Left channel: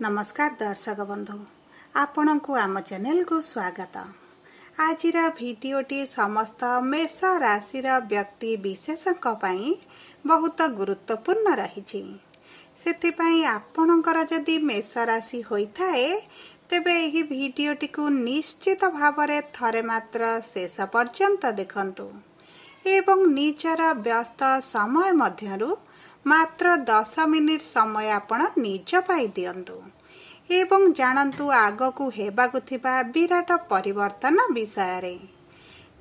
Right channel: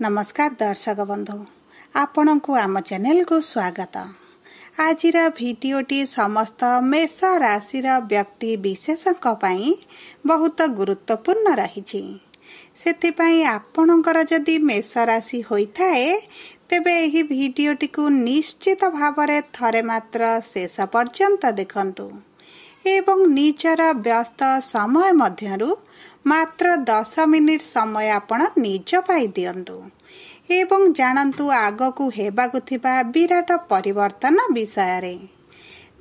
नमस्कार दर्शक बंधु आपण को आम चैनल को स्वागत। आज भिडटी समस्त मेष राशि व्यक्ति विशेषों बहुत गुरुत्वपूर्ण रही। से आपणकर जदि मेष राशि होता है तेबे एही भिडटी को निश्चित भाव थरे मात्र शेष पर्यंत देखंतु एवं निजर व्यस्त समय मध्यरु मात्र 10 मिनिट समय आपण निज पाई दियंतु एवं जानतु आगकू हेबाकु थिबा विराट परिवर्तन विषय रे।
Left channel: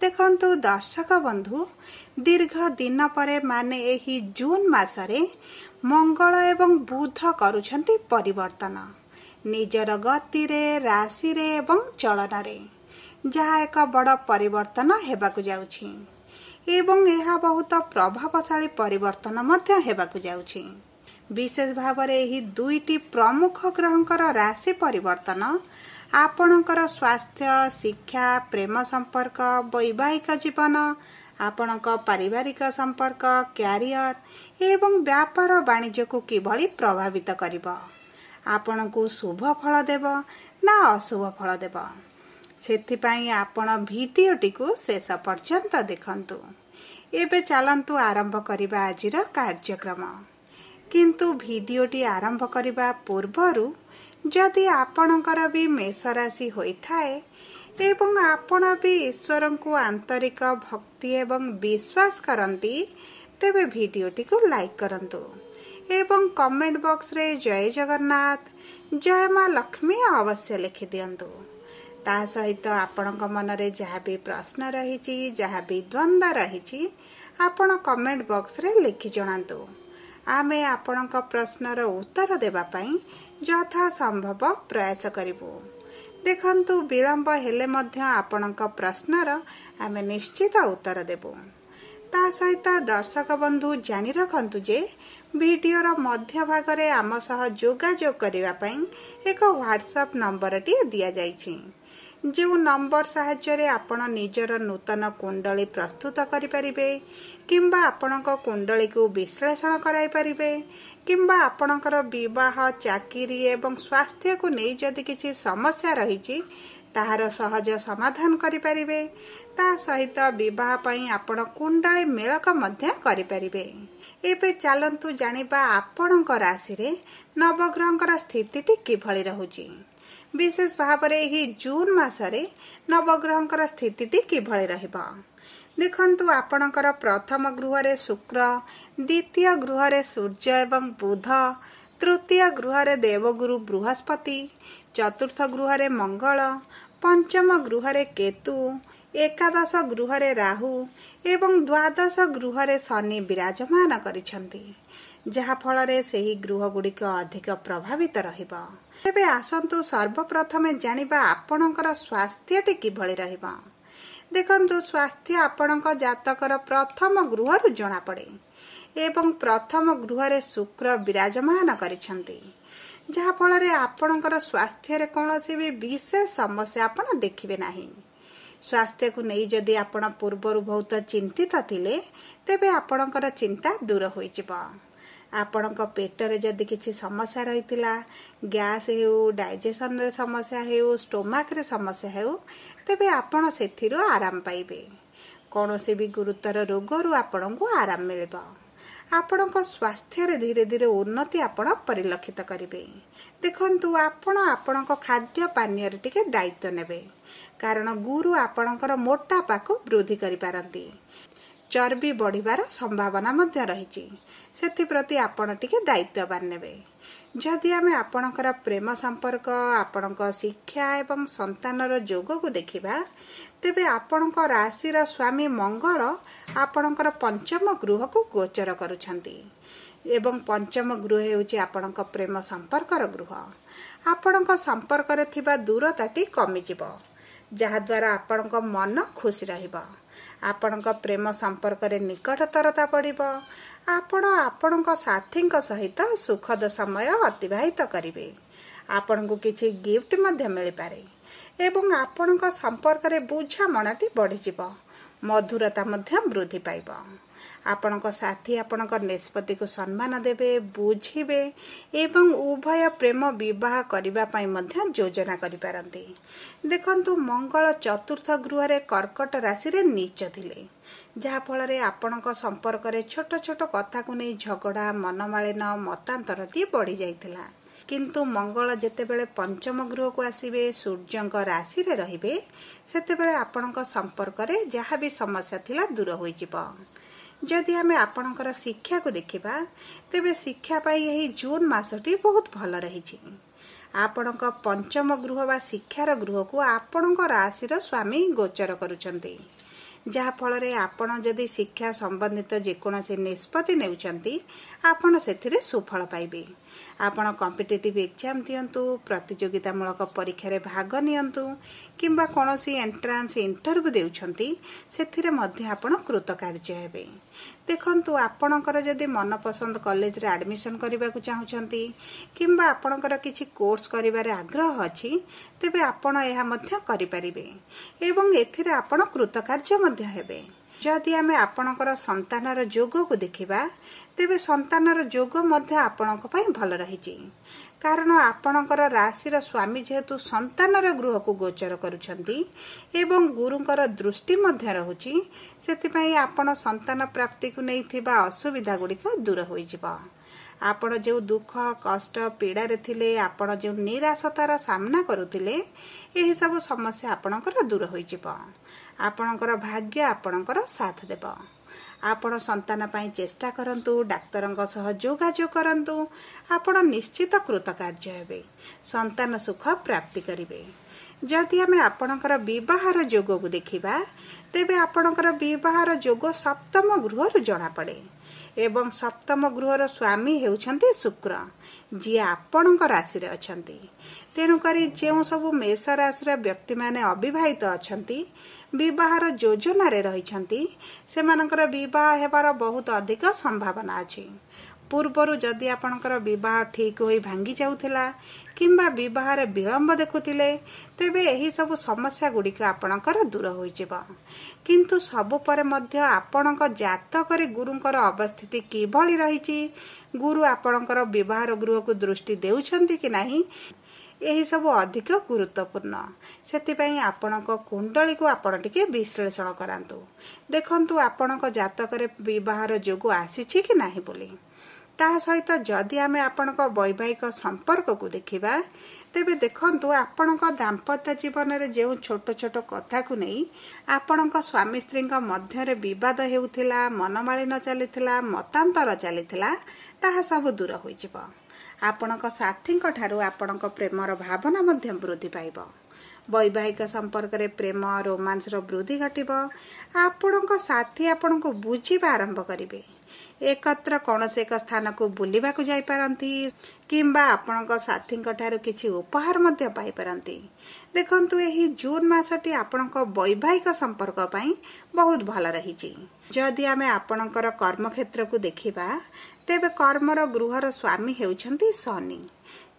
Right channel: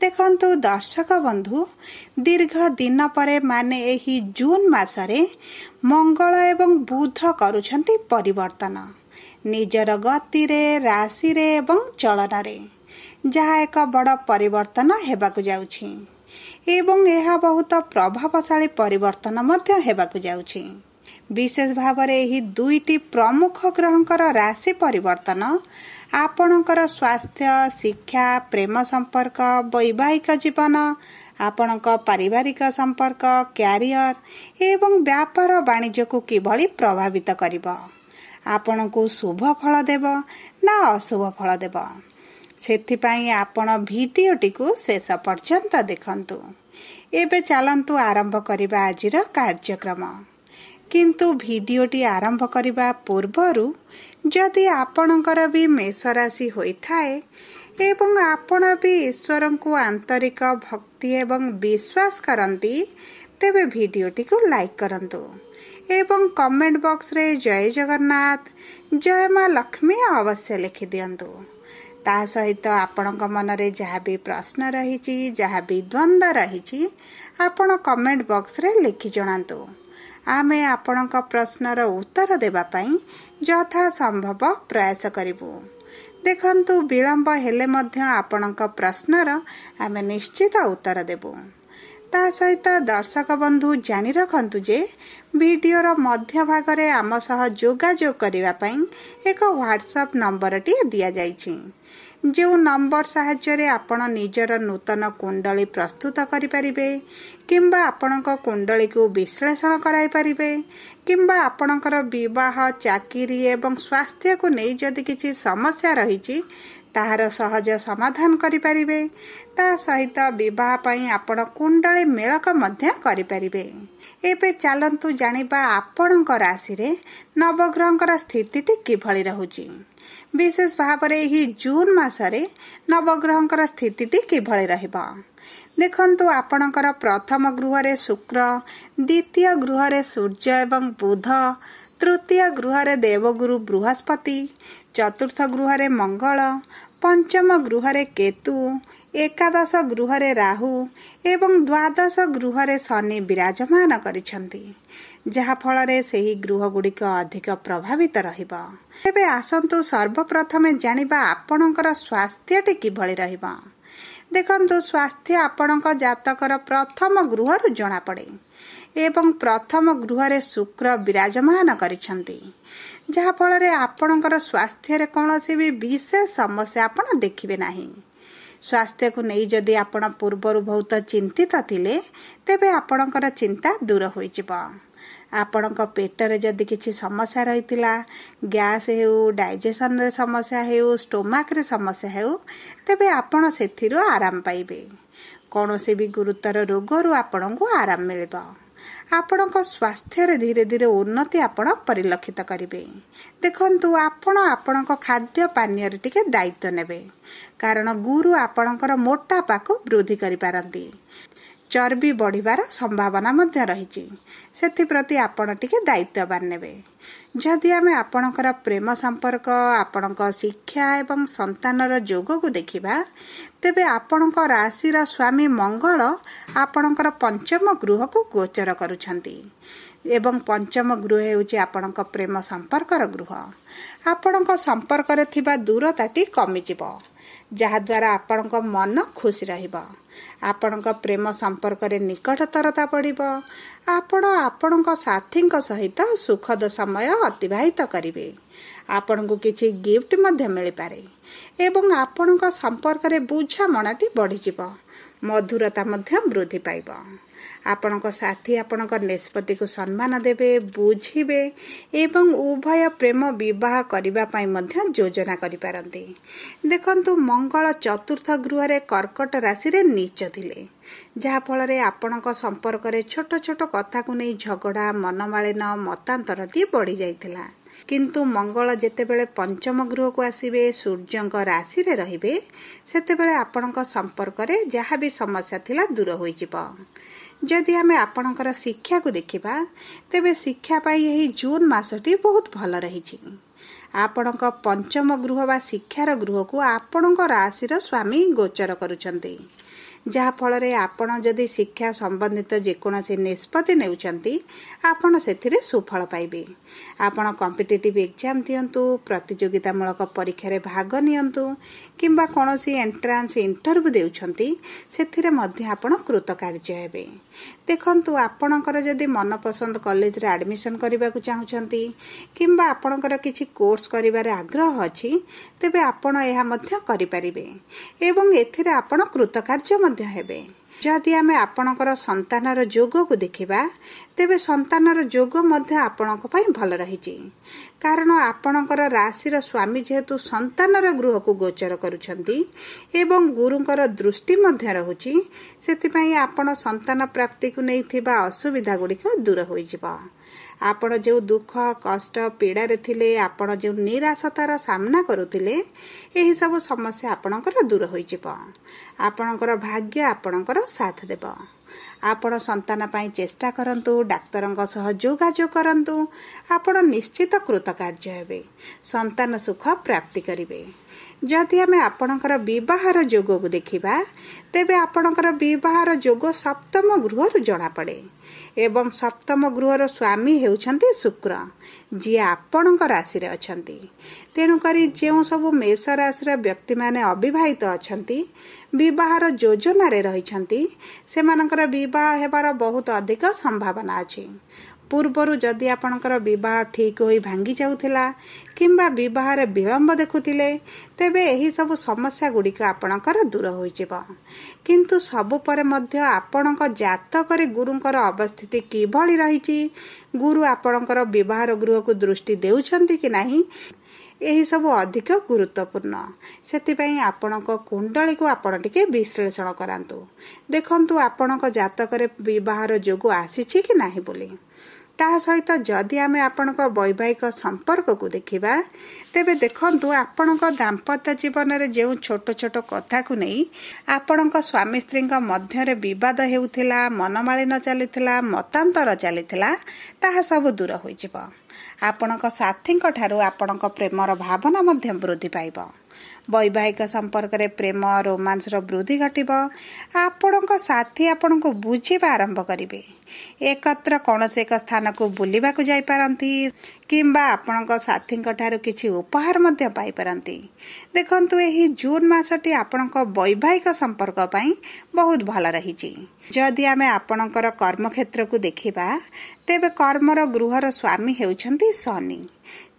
देखंतु दर्शक बंधु दीर्घ दिन परे माने एही जून मासरे मंगल एवं बुध करूछंती परिवर्तन निजर गति रे राशि रे एवं चलन रे, जहा एक बड़ परिवर्तन हेबाकु जाउछि एवं यह बहुत प्रभावशाली परिवर्तन मध्य हेबाकु जाउछि। विशेष भाव में यही दुईटी प्रमुख ग्रहंकर राशि परिवर्तन आपणकर स्वास्थ्य, शिक्षा, प्रेम संपर्क, वैवाहिक जीवन, आपणक पारिवारिक संपर्क, क्यारियर एवं व्यापार वाणिज्य को किभली प्रभावित करिबो, आपणकू शुभ फल देव ना अशुभ फल देव, सेथिपाई आपण भिडियोटी को शेष पर्यंत देखंतु। एबे चलंतु आरंभ करिबा आजिर कार्यक्रम। किंतु भिडियोटी आरंभ करिबा पूर्वरु जदि आपणकर भी मेष राशि होइथाए एवं आपण भी ईश्वर को आंतरिक भक्ति एवं विश्वास करंती तेबे भिडियोटी को लाइक करंतु एवं कमेंट बॉक्स रे जय जगन्नाथ, जय मां लक्ष्मी अवश्य लिखि दियंतु। ता सहित आपणक मनरे जहाँ भी प्रश्न रही, जहाँ भी द्वंद्व रही, आपण कमेंट बॉक्स रे लिखि जणांतु। आमे आपणक प्रश्नर उत्तर देबा पई यथा संभव प्रयास करिबु। देखंतु विलंब हेले मध्य आपणक प्रश्नर आमे निश्चित उत्तर देबु। ता सहित दर्शक बंधु जानि रखंतु जे वीडियोर मध्य भाग रे आम सह जोगाजोग करिबा पई एक व्हाट्सएप नंबर टी दिया जाइछि, जो नंबर साहाय्य आपण निजर नूतन कुंडली प्रस्तुत करि परिबे किंबा आपणक कुंडली को विश्लेषण कराई परिबे किंबा आपणकर विवाह, चाकरी एवं स्वास्थ्य को नहीं जदि किछि समस्या रही ताहार सहज समाधान करि परिबे। ता सहित विवाह पई आपण कुंडली मेलक मध्य करि परिबे। एबे चलंतु जानिबा आपणक राशि रे नवग्रहंकर स्थितिटी किभली रहुची। विशेष भाव में यही जून मासरे नवग्रहंकर स्थितिटी किभली रहिबा। देखंतु आपणकर प्रथम गृह रे शुक्र, द्वितीय गृह रे सूर्य एवं बुध, तृतीय गृह रे देवगुरु बृहस्पति, चतुर्थ गृह रे मंगल, पंचम गृह रे केतु, एकादश गृह रे राहु एवं द्वादश गृह रे शनि विराजमान करिसंती, जहा फल रे सेही गृह गुड़िक अधिक प्रभावित रहिबा। एबे आसंतु सर्वप्रथमे जानिबा आपणकर स्वास्थ्यटी किभली रहिबा। देखंतु स्वास्थ्य आपणक जातकर प्रथम गृहरु जणा पड़े एवं प्रथम गृह रे शुक्र विराजमान करिसंती, जहा फल रे आपणकर स्वास्थ्य रे कोनोसी भी विशेष समस्या आपण देखिबे नाही। स्वास्थ्य को नहीं जदि आपण पूर्वरु बहुत चिंतित थिले तेबे आपणकर चिंता दूर होई जिवो। आपणक पेटरे जदि किछि समस्या रहितिला, गैस हेउ, डाइजेशन रे समस्या हेउ, स्टोमाक रे समस्या हेउ, तेबे आपण सेथिरु आराम पाइबे। कोनोसी भी गुरुतर रोगरु आपणको आराम मिलिबो। आपणक स्वास्थ्य रे धीरे धीरे उन्नति आपण परिलक्षित करिवे। देखंतु आपण आपणक खाद्य पानीय रे टिके दायित्व नेबे, कारण गुरु आपणकर मोटापा को वृद्धि करि पारंती, चर्बी बढ़िबार संभावना मध्य रही। सेप्रति आपण टिके दायित्ववान नेबे। जदि आमे आपणकर प्रेम संपर्क, आपणक शिक्षा एवं संतानर जोग को देखिबा तेबे आपणक राशिर स्वामी मंगल आपणकर पंचम गृह को गोचर करुछंती एवं पंचम गृह हेउची आपणक प्रेम संपर्कर गृह। आपणक संपर्क रे थिबा दूरताटी कमी जिवो, जहा द्वारा आपणक मन खुश रहिबो। आपणक प्रेम संपर्क रे निकटतरता पड़िबो। आपण आपणक साथीक सहित सुखद समय अतिबाहित करिवे। आपणको किछि गिफ्ट मध्य मिलि पारे एवं आपणक संपर्क रे बुझामणाटी बढ़ी जिवो, मधुरता मध्य वृद्धि पाइबो। आपणक साथी आपणक निष्पत्ति को सम्मान देबे बुझिबे एवं उभय प्रेम विवाह करबा पई मध्य योजना करि पारंती। देखंतु मंगल चतुर्थ गृह रे कर्कट राशि रे नीच थिले, जहा फल रे आपणक संपर्क रे छोट छोट कथा को नै झगड़ा मनमालिन मतांतरटी बढ़ी जाइथिला। किंतु मंगल जेतेबेले पंचम गृह को आसीबे सूर्यंक राशि रे रहिबे सेतेबेले आपणक संपर्क रे जहा भी समस्या थिला दूर होई जिवो। जदि आमे आपणकर शिक्षा को देखिबा तेबे शिक्षा पाई एही जून मासटी बहुत भल रहिछि। आपणक पंचम गृह बा शिक्षार गृह को आपणक राशि रो स्वामी गोचर करूछंती, जहा फल रे आपण जदि शिक्षा संबंधित जेकोसी निष्पत्ति नेउछंती आपण सेथिरे सुफल पाइबे। आपण कॉम्पिटिटिव एग्जाम दियंतु, प्रतियोगितामूलक परीक्षा रे भाग नियंतु किंबा कोनोसी एंट्रांस इंटरव्यू देउछंती सेथिरे मध्य आपण कृतकार्य हेबे। देखंतु आपणकर जदि मनपसंद कॉलेज रे एडमिशन करबा को चाहुछंती किंबा आपणकर किछि कोर्स करिबारे आग्रह अछि तेबे आपण एहा मध्य करि परिबे एवं एथिरे आपण कृतकार्य मध्य हेबे। जदि आमे आपणकर संतानर जोग को देखिबा तेबे संतानर जोग मध्य आपणक पई भल रहिछि, कारण आपणकर राशि स्वामी जेहेतु संतानर गृह को गोचर करूछंती एवं गुरुंकर दृष्टि मध्य रहुछि, सेति पई आपण संतान प्राप्ति को नैथिबा असुविधा गुड़िक दूर होई जिवो। आपण जो दुख कष्ट पीड़ा रे थिले, आपण जो निराशतार सामना करुथिले, एही सब समस्या आपणकर दूर होई जिवो। आपणकर भाग्य आपणकर साथ देबो। आपण संतान पाई चेष्टा करंतु, डाक्तरंग सह जोगाजोग करंतु, आपण निश्चित कृतकार्य हेबे, संतान सुख प्राप्ति करिवे। जदि आमे आपणकर विवाहर जोग को देखिबा तेबे आपणकर विवाहर जोग सप्तम गृह जना पड़े एवं सप्तम गृहर स्वामी हेउछंती शुक्र, जी आपणक राशि रे अछंती। तेणु करी जेउ सब मेष राशि व्यक्ति माने अविवाहित अछंती, विवाहर योजना रे रहिछंती, सेमानकर विवाह हेबार बहुत अधिक संभावना अछि। पूर्वरु जदि आपणकर विवाह ठीक होई भांगी जाउथिला किंबा विवाह रे विलंब देखुथिले तेबे एही सब समस्या गुड़िक आपणकर दूर होई जिवो। किंतु सबु परे मध्य आपणक जातक रे गुरुंकर अवस्थिति किभଳି रहिछि, गुरु आपणकर विवाहर गृह को दृष्टि देउछंती कि नाही, एही सब अधिक गुरुत्वपूर्ण। सेतिपई आपणक कुंडली को आपण टिके विश्लेषण करांतु, देखंतु आपणक जातक रे विवाहर जोग आसीछि कि नाही बोली। ता सहित जदि आमे आपणक वैवाहिक संपर्क को देखिबा तेबे देखंतु आपणक दाम्पत्य जीवन रे जेउ छोट छोट कथा को नै आपणक स्वामी स्त्री मध्य रे विवाद हेउथिला, मनमालिन चलिथिला, मतांतर चलिथिला, ताहा सब दूर होई जिवो। आपणक साथी ठारू आपणक प्रेमर भावना मध्य वृद्धि पाइब। वैवाहिक संपर्क रे प्रेम रोमांस रो वृद्धि घटिब। आपणक साथी आपणको बुझिबा आरंभ करिवे, एकत्र कौनसी एक स्थान को बुलिबा को जाई पारंती किंबा आपणक साथी ठारू किछि उपहार मध्य पाई पारंती। देखंतु एही जून मासटी आपणक वैवाहिक संपर्क पई बहुत भल रहिछि। जदि आमे आपणकर कर्म क्षेत्र को देखिबा तेबे कर्मर गृहर स्वामी हेउछंती शनि,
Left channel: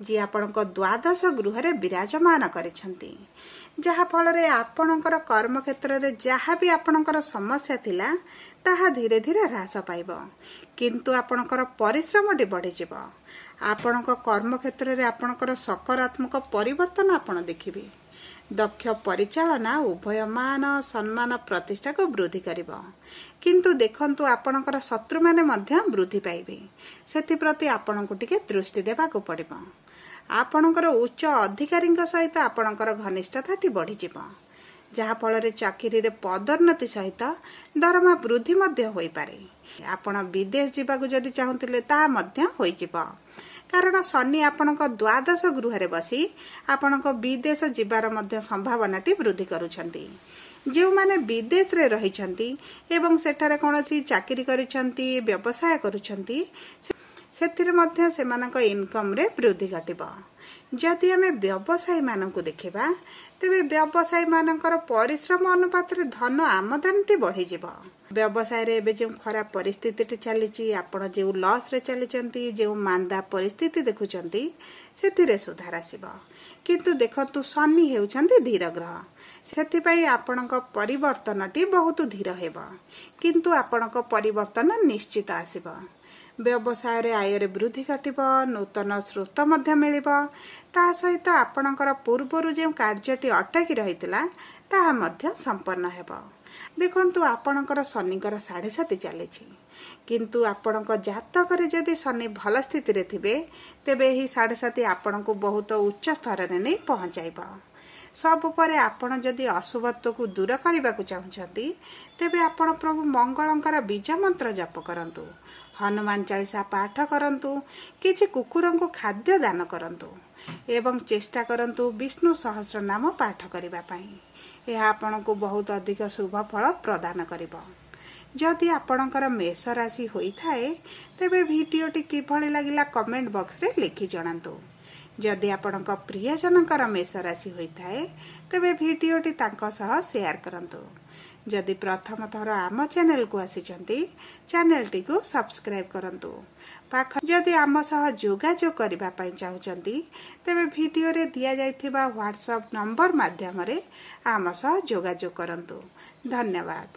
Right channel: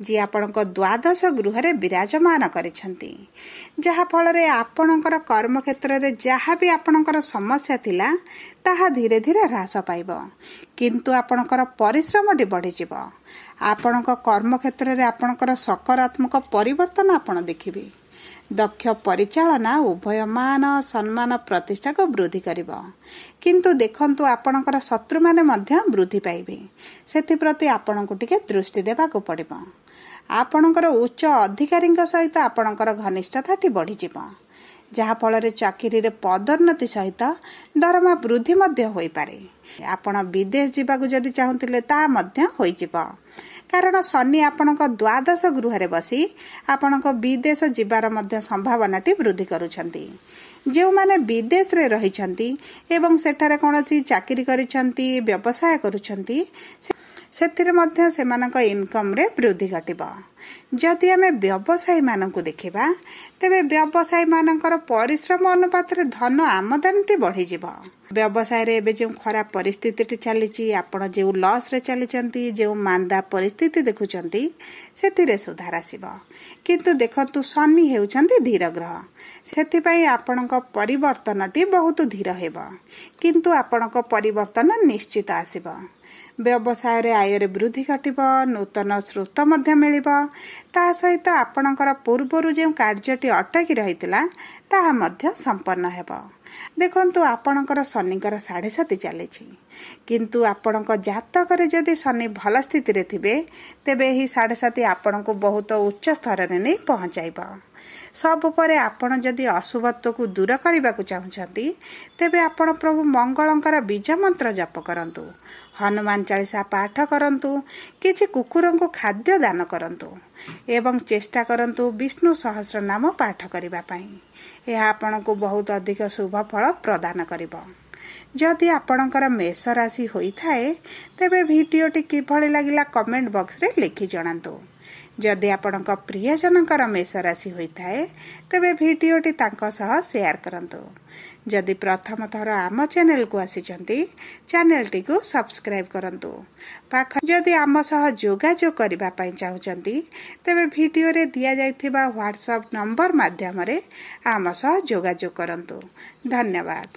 जी आपणक द्वादश गृह रे विराजमान करिछंती, जहा फल रे आपणकर कर्म क्षेत्र रे जहा भी आपणकर समस्या थिला ताहा धीरे धीरे ह्रास पाइबो, किंतु आपणकर परिश्रम टी बढ़ी जिवो। आपणक कर्म क्षेत्र रे आपणकर सकारात्मक परिवर्तन आपण देखिबे। दक्ष परिचालना उभय मान सम्मान प्रतिष्ठा को वृद्धि करिवो, किंतु देखंतु आपणकर शत्रु माने मध्य वृद्धि पाइबे, सेति प्रति आपणको टिके दृष्टि देबा को पड़िबो। आपणकर उच्च अधिकारी सहित आपणकर घनिष्ठताटी बढ़ी जिवो, जहा फल रे चाकरी रे पदोन्नति सहित दरमा वृद्धि मध्य होई पारे। आपण विदेश जीवाकु जदि चाहुतिले ता मध्य होई जिवो, कारण शनि आपणक द्वादश गृह रे बसी आपणक विदेश जीवार मध्य संभावनाटी वृद्धि करूछंती। जो माने विदेश रे रहिछंती एवं सेठारे कोनोसी चाकरी करिछंती, व्यवसाय करूछंती, ସେଥିରେ ମଧ୍ୟ ସେମାନଙ୍କ ଇନକମ୍ରେ ବୃଦ୍ଧି ଘଟିବ। ଯଦି ଆମେ ବ୍ୟବସାୟୀମାନଙ୍କୁ ଦେଖିବା ତେବେ ବ୍ୟବସାୟୀମାନଙ୍କର ପରିଶ୍ରମ ଅନୁପାତରେ ଧନ ଆମଦାନୀଟି ବଢ଼ିଯିବ। ବ୍ୟବସାୟରେ ଏବେ ଯେଉଁ ଖରାପ ପରିସ୍ଥିତିଟି ଚାଲିଛି, ଆପଣ ଯେଉଁ ଲସ୍ରେ ଚାଲିଛନ୍ତି, ଯେଉଁ ମାନ୍ଦା ପରିସ୍ଥିତି ଦେଖୁଛନ୍ତି, ସେଥିରେ ସୁଧାର ଆସିବ। କିନ୍ତୁ ଦେଖନ୍ତୁ, ଶନି ହେଉଛନ୍ତି ଧୀର ଗ୍ରହ, ସେଥିପାଇଁ ଆପଣଙ୍କ ପରିବର୍ତ୍ତନଟି ବହୁତ ଧୀର ହେବ, କିନ୍ତୁ ଆପଣଙ୍କ ପରିବର୍ତ୍ତନ ନିଶ୍ଚିତ ଆସିବ। ବ୍ୟବସାୟରେ ଆୟରେ ବୃଦ୍ଧି ଘଟିବ, ନୂତନ ସ୍ରୋତ ମଧ୍ୟ ମିଳିବ। ତା ସହିତ ଆପଣଙ୍କର ପୂର୍ବରୁ ଯେଉଁ କାର୍ଯ୍ୟଟି ଅଟକି ରହିଥିଲା ତାହା ମଧ୍ୟ ସମ୍ପନ୍ନ ହେବ। ଦେଖନ୍ତୁ, ଆପଣଙ୍କର ଶନିଙ୍କର 7.5 ଚାଲିଛି, କିନ୍ତୁ ଆପଣଙ୍କ ଜାତକରେ ଯଦି ଶନି ଭଲ ସ୍ଥିତିରେ ଥିବେ ତେବେ ଏହି 7.5 ଆପଣଙ୍କୁ ବହୁତ ଉଚ୍ଚ ସ୍ତରରେ ନେଇ ପହଞ୍ଚାଇବ। ସବୁ ପରେ ଆପଣ ଯଦି ଅଶୁଭତ୍ୱକୁ ଦୂର କରିବାକୁ ଚାହୁଁଛନ୍ତି ତେବେ ଆପଣ ପ୍ରଭୁ ମଙ୍ଗଳଙ୍କର ବୀଜ ମନ୍ତ୍ର ଜପ କରନ୍ତୁ, ହନୁମାନ ଚାଳିଶା ପାଠ କରନ୍ତୁ, କିଛି କୁକୁରଙ୍କୁ ଖାଦ୍ୟ ଦାନ କରନ୍ତୁ ଏବଂ ଚେଷ୍ଟା କରନ୍ତୁ ବିଷ୍ଣୁ ସହସ୍ର ନାମ ପାଠ କରିବା ପାଇଁ। ଏହା ଆପଣଙ୍କୁ ବହୁତ ଅଧିକ ଶୁଭ ଫଳ ପ୍ରଦାନ କରିବ। ଯଦି ଆପଣଙ୍କର ମେଷ ରାଶି ହୋଇଥାଏ ତେବେ ଭିଡ଼ିଓଟି କିଭଳି ଲାଗିଲା କମେଣ୍ଟ ବକ୍ସରେ ଲେଖି ଜଣାନ୍ତୁ। ଯଦି ଆପଣଙ୍କ ପ୍ରିୟଜନଙ୍କର ମେଷ ରାଶି ହୋଇଥାଏ ତେବେ ଭିଡ଼ିଓଟି ତାଙ୍କ ସହ ସେୟାର କରନ୍ତୁ। ଯଦି ପ୍ରଥମ ଥର ଆମ ଚ୍ୟାନେଲକୁ ଆସିଛନ୍ତି, ଚ୍ୟାନେଲଟିକୁ ସବସ୍କ୍ରାଇବ୍ କରନ୍ତୁ। ଯଦି ଆମ ସହ ଯୋଗାଯୋଗ କରିବା ପାଇଁ ଚାହୁଁଛନ୍ତି ତେବେ ଭିଡ଼ିଓରେ ଦିଆଯାଇଥିବା ହ୍ୱାଟ୍ସଆପ୍ ନମ୍ବର ମାଧ୍ୟମରେ ଆମ ସହ ଯୋଗାଯୋଗ କରନ୍ତୁ। ଧନ୍ୟବାଦ।